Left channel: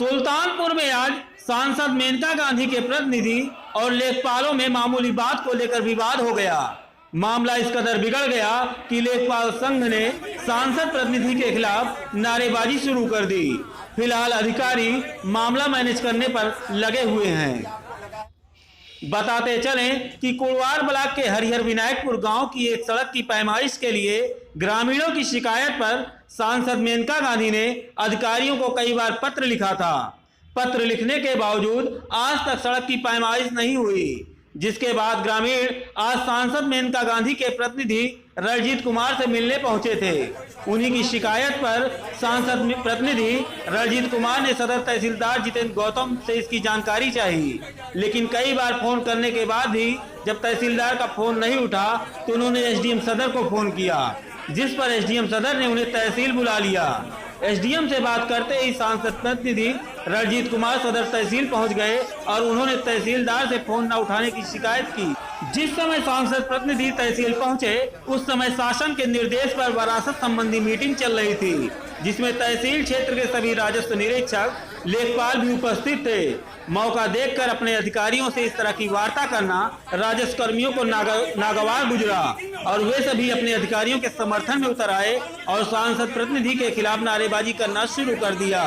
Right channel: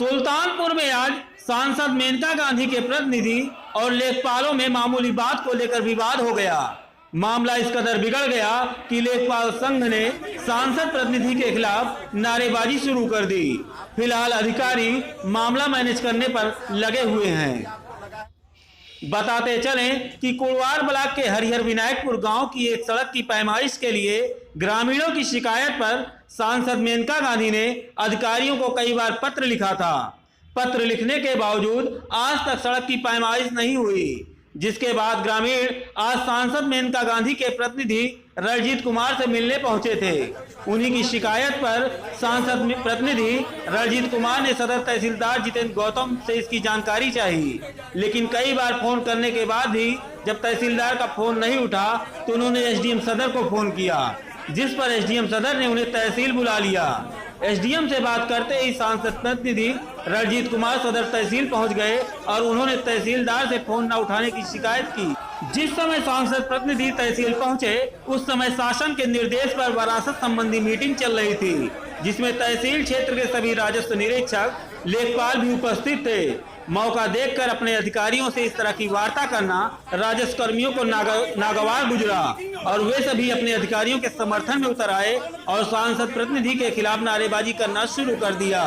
सुल्तानपुर में आज सांसद मेनका गांधी के प्रतिनिधि और लेखपालों में मामूली बात को लेकर विवाद हो गया। मामला इस कदर बिगड़ गया कि लेखपाल संघ ने सांसद प्रतिनिधि के खिलाफ नारेबाजी शुरू कर दी। फिलहाल अधिकारी मामला मैनेज करने पर लगे हुए हैं। बताते चलें कि कुड़वार ब्लॉक के हरिहर विनायकपुर गांव की एक सड़क की पैमाइश के लिए ग्रामीणों की शिकायत पर सांसद मेनका गांधी ने अधिकारियों को कई बार पत्र लिखा था। पत्र लिखने के बावजूद आज तक सड़क की पैमाइश नहीं हुई, जिसके बाद ग्रामीण आज सांसद मेनका गांधी के प्रतिनिधि रणजीत कुमार से मिलने पहुंचे थे। उन्हीं की शिकायत पर सांसद प्रतिनिधि रणजीत कुमार ने सदर तहसीलदार जितेंद्र गौतम से इसकी जानकारी चाही, लेकिन कई बार फोन करने के बाद भी जब तहसीलदार का फोन नहीं उठा तो उन्होंने एसडीएम सदर को फोन किया, जिस पर एसडीएम सदर ने उन्हें तहसील बुला लिया। एसडीएम से बात करते ही सांसद प्रतिनिधि रणजीत कुमार सदर तहसील पहुंच गए और उन्होंने तहसीलदार से फोन न उठाने की शिकायत की। जिस समय सांसद प्रतिनिधि तहसील पहुंचे उस समय शासन के निर्देश पर वरासत संबंधी मीटिंग चल रही थी, जिसमें तहसील क्षेत्र के सभी राजस्व निरीक्षक, लेखपाल भी उपस्थित थे। मौका देखकर अपने अधिकारियों से इस तरह की वार्ता करना राजस्व कर्मियों को नागवार गुजरा और वे सभी अपने अधिकारियों के समर्थन में उतर आए और सांसद प्रतिनिधि के खिलाफ नारेबाजी करना शुरू कर दिया।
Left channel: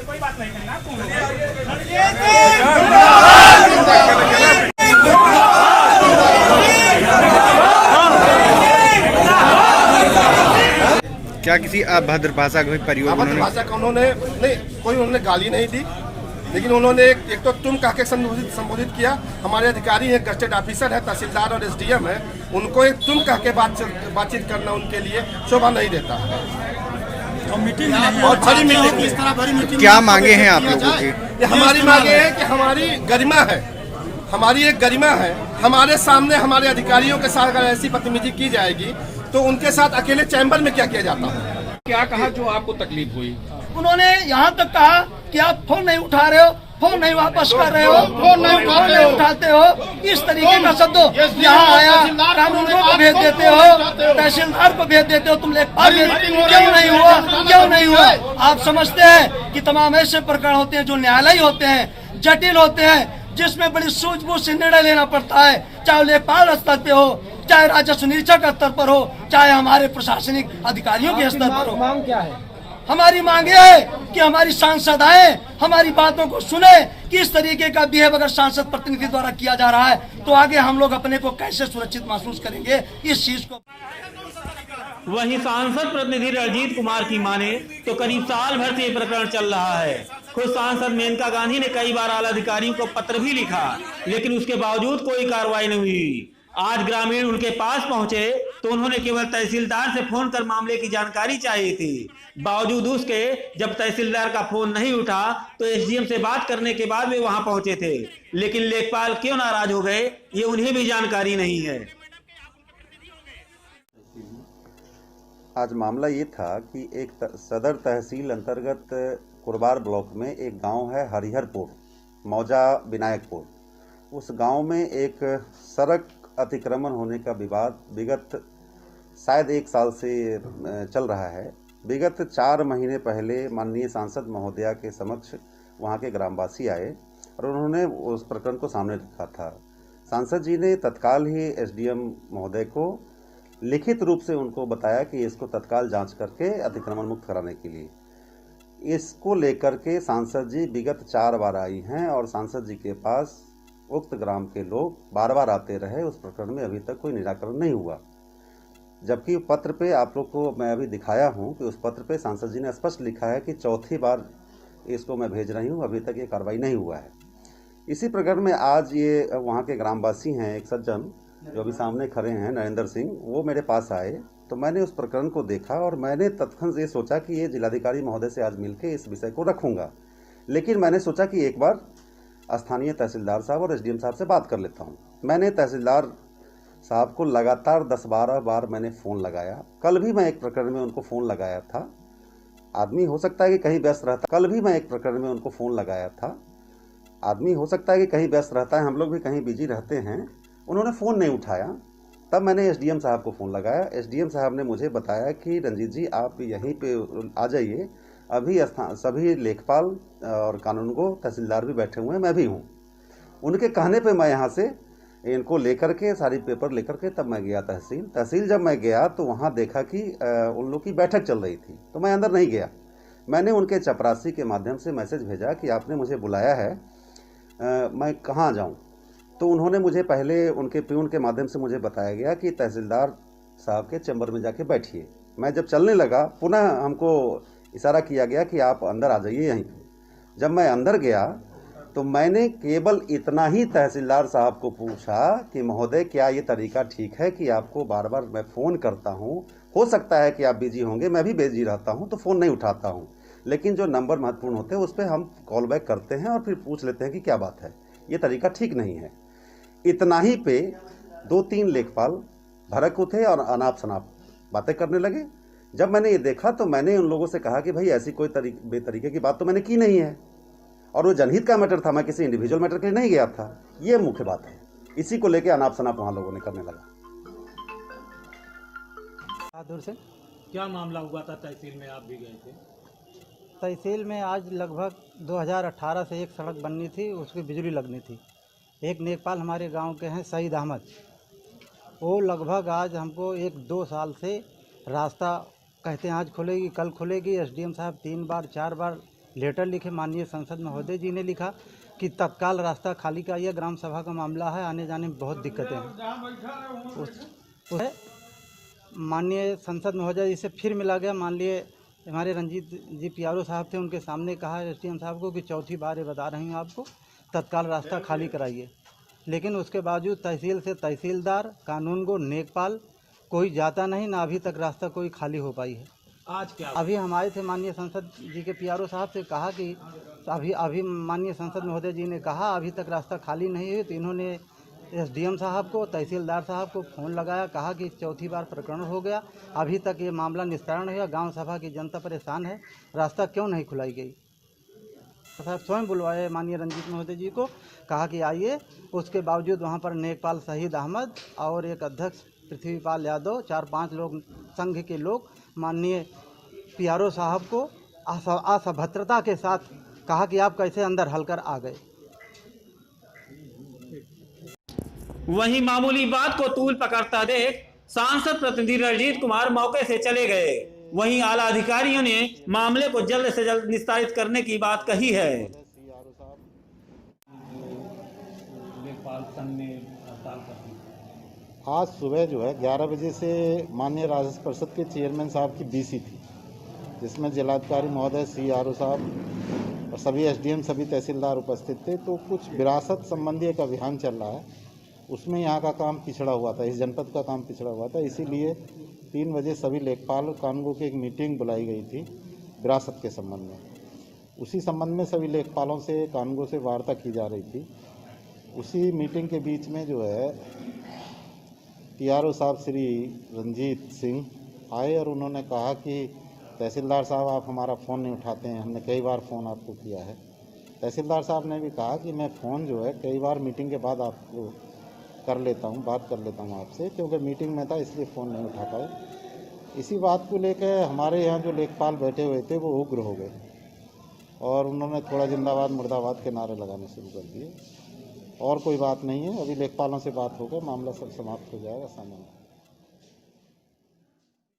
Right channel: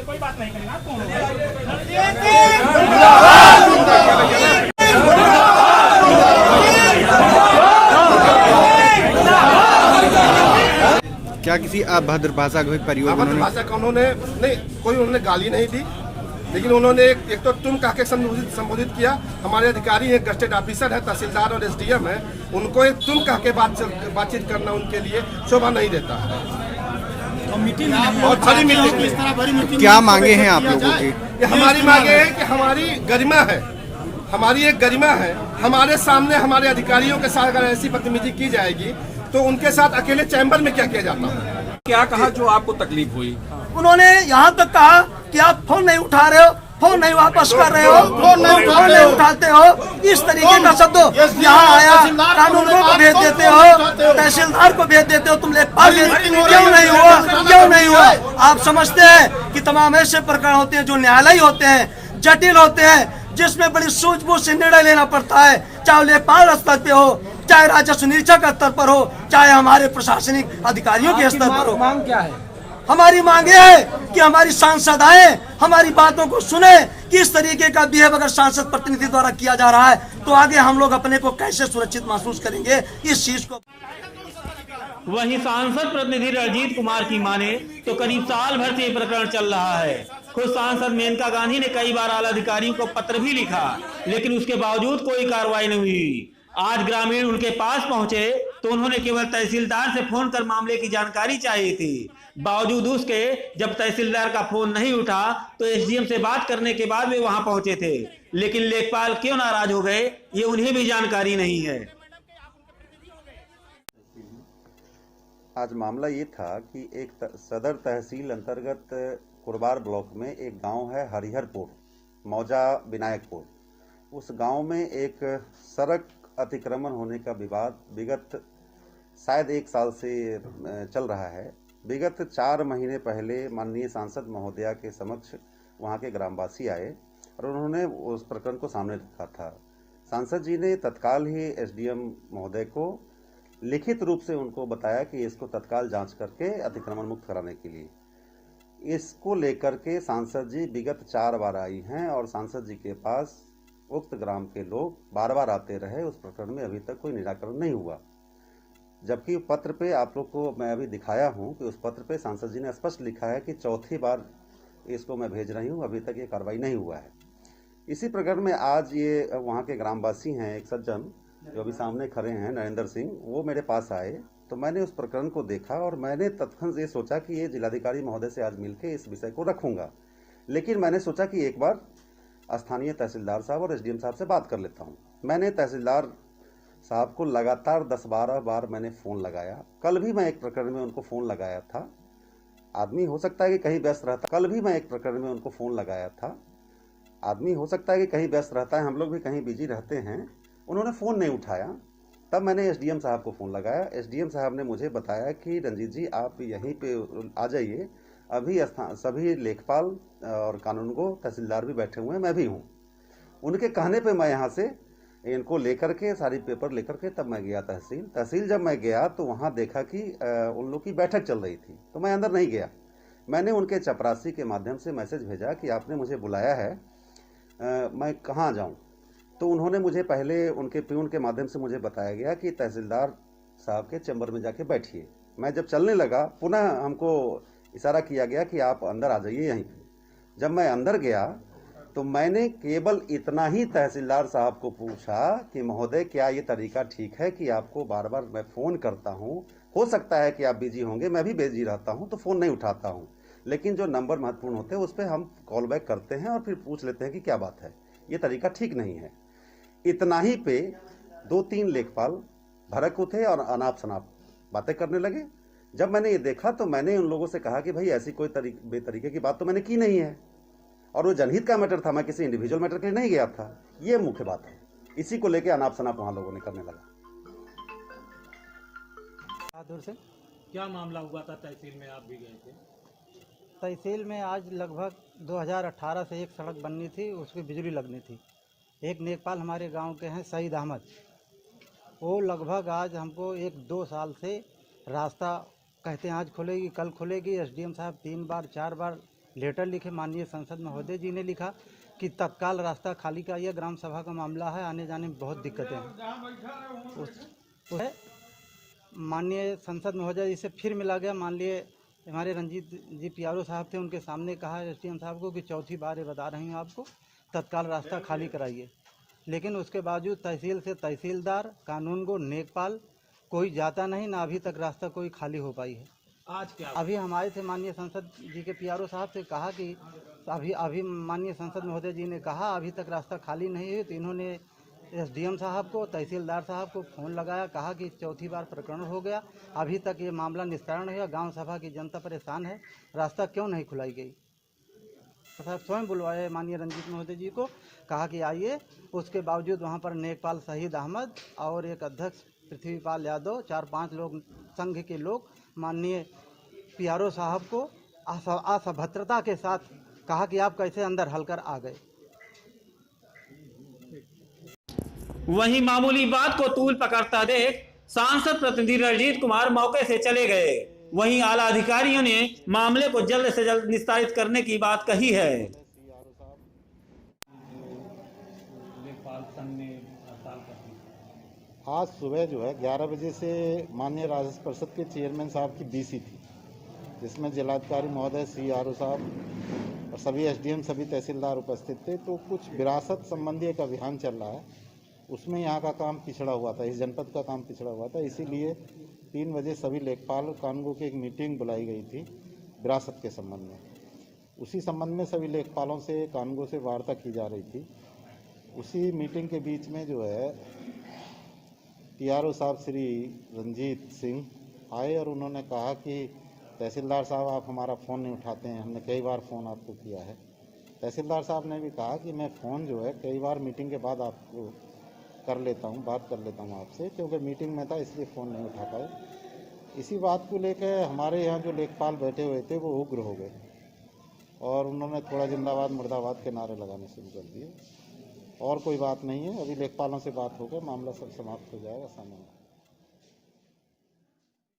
कोई बात नहीं करना। क्या किसी अभद्र भाषा का प्रयोग उन्होंने गाली नहीं दी, लेकिन उन्होंने एक तो तुम कह के संबोधित किया। हमारे अधिकारी हैं, गस्टेड ऑफिसर है, तहसीलदार और एसडीएम है, उनको एक तुम कह के बातचीत करना उनके लिए शोभा नहीं देता है। बहुत बड़ी मीटिंग। क्या मांगे हैं आप लोगों की? हमारी मांगे है कि हमारी गरिमा है, हमारी एक गरिमा है। हमारे सामने हमारे अधिकारियों के साथ अगर ऐसी बदतमीजी की जाएगी तो उनके साथ अकेले चैम्बर में क्या किया जाता है? क्या कहा जो आपको तकलीफ हुई? उन्होंने यहाँ तक कहा कि आप फोन नहीं उठा रहे हो, फोन नहीं वापस कर रहे हो, फोन नहीं उठाते हो, इस तरीके का शब्द यहाँ आया। कानूनगो को भेज देते हो, तहसीलदार को भेज देते हो, तुम लेखपाल क्यों नहीं हुआ, क्यों नहीं हुआ? आप समझते हैं कि तमाम ऐसे प्रकरण होते हैं जो न्यायालय होते हैं, जटिल होते हैं, जिसमें बड़ी सूझबूझ से निर्णय लेना पड़ता है, चाहे लेखपाल स्तर पे हो, चाहे राजस्व निरीक्षक स्तर पर हो, चाहे हमारे प्रशासनिक अधिकारियों के स्तर पर हो। मांग क्या है? हमारी मांग ये है कि हमारी सांसद आए, हमारी बातों को सुने कि इस तरीके का बिहेव अगर सांसद प्रतिनिधि द्वारा किया जा रहा है तो आगे हम लोग अपने को कैसे सुरक्षित महसूस करेंगे इस चीज को। वहीं सांसद प्रतिनिधि रणजीत कुमार की माने तो करीब साल भर से ये प्रकरण चल रहा है। खुद सांसद मेनका गांधी ने कई बार आला अधिकारियों को पत्र भी लिखा, लेकिन उसके बावजूद कोई कार्रवाई नहीं हुई। आज ग्रामीण उनके पास पहुंचे तो उन्होंने केवल तहसीलदार से फोन कर मामले की जानकारी चाहिए थी। बावजूद उसके जब तहसीलदार का फोन नहीं उठा तो एसडीएम से बात करने के बाद वे वहां पहुंचे थे, लेकिन लेखपाल क्यों नाराज हो गए ये उन्हें भी जानकारी नहीं है। आज मामला ये था कि एक सदर तहसील अंतर्गत कुड़वार ब्लॉक में एक गांव है हरिहरपुर मौजा विनायकपुर। उस गांव में एक सड़क अतिक्रमण होने का विवाद विगत शायद 1 साल से चल रहा है। विगत 4 महीने पहले माननीय सांसद महोदया के समक्ष वहां के ग्रामवासी आए और उन्होंने उस प्रकरण को सामने रखा था। सांसद जी ने तत्काल ही एसडीएम महोदय को लिखित रूप से उनको बताया कि इसको तत्काल जांच करके अतिक्रमण मुक्त कराने के लिए। इसको लेकर के सांसद जी विगत 4 बार आई हैं और सांसद जी के पास उक्त ग्राम के लोग बार बार आते रहे। उस प्रकरण में अभी तक कोई निराकरण नहीं हुआ, जबकि पत्र पे आप लोग को मैं अभी दिखाया हूं कि उस पत्र पे सांसद जी ने स्पष्ट लिखा है कि 4थी बार इसको मैं भेज रही हूं, अभी तक ये कार्रवाई नहीं हुआ है। इसी प्रकरण में आज ये वहां के ग्रामवासी हैं, एक सज्जन जो अभी सामने खड़े हैं नरेंद्र सिंह, वो मेरे पास आए तो मैंने उस प्रकरण को देखा और मैंने तत्क्षण ये सोचा कि ये जिलाधिकारी महोदय से आज मिलकर इस विषय को रखूंगा। लेकिन मैंने सोचा कि एक बार स्थानीय तहसीलदार साहब और एसडीएम साहब से बात कर लेता हूं। मैंने तहसीलदार साहब को लगातार 10-12 बार मैंने फ़ोन लगाया। कल भी मैं एक प्रकरण में उनको फ़ोन लगाया था। आदमी हो सकता है कि कहीं व्यस्त रहता, कल भी मैं एक प्रकरण में उनको फ़ोन लगाया था। आदमी हो सकता है कि कहीं व्यस्त रहता है, हम लोग भी कहीं बिजी रहते हैं। उन्होंने फ़ोन नहीं उठाया तब मैंने एसडीएम साहब को फ़ोन लगाया। एसडीएम साहब ने मुझे बताया कि रंजीत जी आप यहीं पे आ जाइए, अभी सभी लेखपाल और कानूनगो तहसीलदार भी बैठे हुए हैं, मैं भी हूँ। उनके कहने पे मैं यहाँ से इनको लेकर के सारी पेपर लेकर के तब मैं गया तहसील। जब मैं गया तो वहाँ देखा कि उन लोग की बैठक चल रही थी, तो मैं अंदर नहीं गया। मैंने उनके चपरासी के माध्यम से मैसेज भेजा कि आपने मुझे बुलाया है, मैं कहाँ जाऊँ। तो उन्होंने मुझे पहले उनके प्यून के माध्यम से मुझे बताया गया कि तहसीलदार साहब के चैम्बर में जाके बैठिए। मैं जब चलने लगा पुनः हमको इशारा किया गया कि आप अंदर आ जाइए यहीं पे। जब मैं अंदर गया तो मैंने केवल इतना ही तहसीलदार साहब को पूछा कि महोदय क्या ये तरीका ठीक है कि आपको बार बार मैं फ़ोन करता हूँ, हो सकता है कि आप बिजी होंगे, मैं भी बिजी रहता हूँ तो फ़ोन नहीं उठाता हूँ, लेकिन जो नंबर महत्वपूर्ण होते हैं उस पर हम कॉल बैक करते हैं और फिर पूछ लेते हैं कि क्या बात है, ये तरीका ठीक नहीं है। इतना ही पे 2-3 लेखपाल भड़क उठे और अनाप शनाप बातें करने लगे। जब मैंने ये देखा तो मैंने उन लोगों से कहा कि भाई ऐसी कोई बेतरीके की बात तो मैंने की नहीं है, और वो जनहित का मैटर था, मैं किसी इंडिविजुअल मैटर के लिए नहीं गया था। ये मुख्य बात है। इसी को लेकर अनाप शनाप वहाँ लोगों ने करने लगा। दूर से क्या मामला हुआ था तहसील में, आप भी गए थे? तहसील में आज लगभग 2018 से एक सड़क बननी थी, उसकी बिजली लगनी थी। एक लेखपाल हमारे गांव के हैं सईद अहमद, वो लगभग आज हमको 1-2 साल से रास्ता कहते हैं आज खुलेगी कल खुलेगी। एसडीएम साहब 3 बार 4 बार लेटर लिखे, माननीय संसद महोदय जी ने लिखा कि तत्काल रास्ता खाली कराइए, ग्राम सभा का मामला है, आने जाने में बहुत दिक्कतें हैं। माननीय संसद महोदय जी से फिर मिला गया, माननीय हमारे रंजीत जी पीआरओ साहब थे, उनके सामने कहा एसडीएम साहब को कि चौथी बार ये बता रही हूँ आपको तत्काल रास्ता खाली कराइए। लेकिन उसके बावजूद तहसील से तहसीलदार कानूनगो नेकपाल कोई जाता नहीं, ना अभी तक रास्ता कोई खाली हो पाई है। आज क्या अभी हम आए थे माननीय संसद जी के पीआरओ साहब से, कहा कि अभी माननीय संसद महोदय जी ने कहा अभी तक रास्ता खाली नहीं है। तो इन्होंने एसडीएम साहब को तहसीलदार साहब को फ़ोन लगाया, कहा कि चौथी बार प्रकरण हो गया, अभी तक ये मामला निस्तारण नहीं हुआ, गाँव सभा की जनता परेशान है, रास्ता क्यों नहीं खुलाई गई। साहब स्वयं बुलवाए माननीय रंजीत महोदय जी को, कहा कि आइए। उसके बावजूद वहाँ पर नेकपाल सईद अहमद और एक अध्यक्ष पृथ्वीपाल यादव, 4-5 लोग संघ के लोग माननीय पीआरओ साहब को असभ्यता के साथ कहा कि आप कैसे अंदर हलकर आ गए। वहीं मामूली बात को तूल पकड़ता देख सांसद प्रतिनिधि रणजीत कुमार मौके से चले गए। वहीं आला अधिकारियों ने मामले को जल्द से जल्द निस्तारित करने की बात कही है। आज सुबह जो है 11 बजे से माननीय राजस्व परिषद के चेयरमैन साहब की बीसी थी, जिसमें जिलाधिकारी महोदय सीआरओ साहब और सभी एसडीएम सभी तहसीलदार उपस्थित थे। तो कुछ विरासत संबंधी एक अभियान चल रहा है, उसमें यहाँ का काम पिछड़ा हुआ था, इस जनपद का काम पिछड़ा हुआ था। इसीलिए 3 बजे सभी लेखपाल और कानूनगो की एक मीटिंग बुलाई गई थी विरासत के संबंध में। उसी संबंध में सभी लेखपालों से कानूनगो से वार्ता की जा रही थी। उसी मीटिंग के बीच में जो है पीआरओ साहब श्री रंजीत सिंह आए और उन्होंने कहा कि तहसीलदार साहब आप हमारा फ़ोन नहीं उठाते हैं, हमने कई बार फ़ोन आपको किया है। तहसीलदार साहब ने भी कहा कि मैं फ़ोन जो है कई बार मीटिंग के बाद आपको कर लेता हूँ, बात कर लेता हूँ आपसे, क्योंकि मीटिंग में था इसलिए फ़ोन नहीं उठा पाए। इसी बात को लेकर हमारे यहाँ जो लेखपाल बैठे हुए थे वो उग्र हो गए और उन्होंने थोड़ा जिंदाबाद मुर्दाबाद के नारे लगाने शुरू कर दिए। और कोई बात नहीं है, अभी लेखपालों से बात होकर मामला सब समाप्त हो जाएगा सामान्य।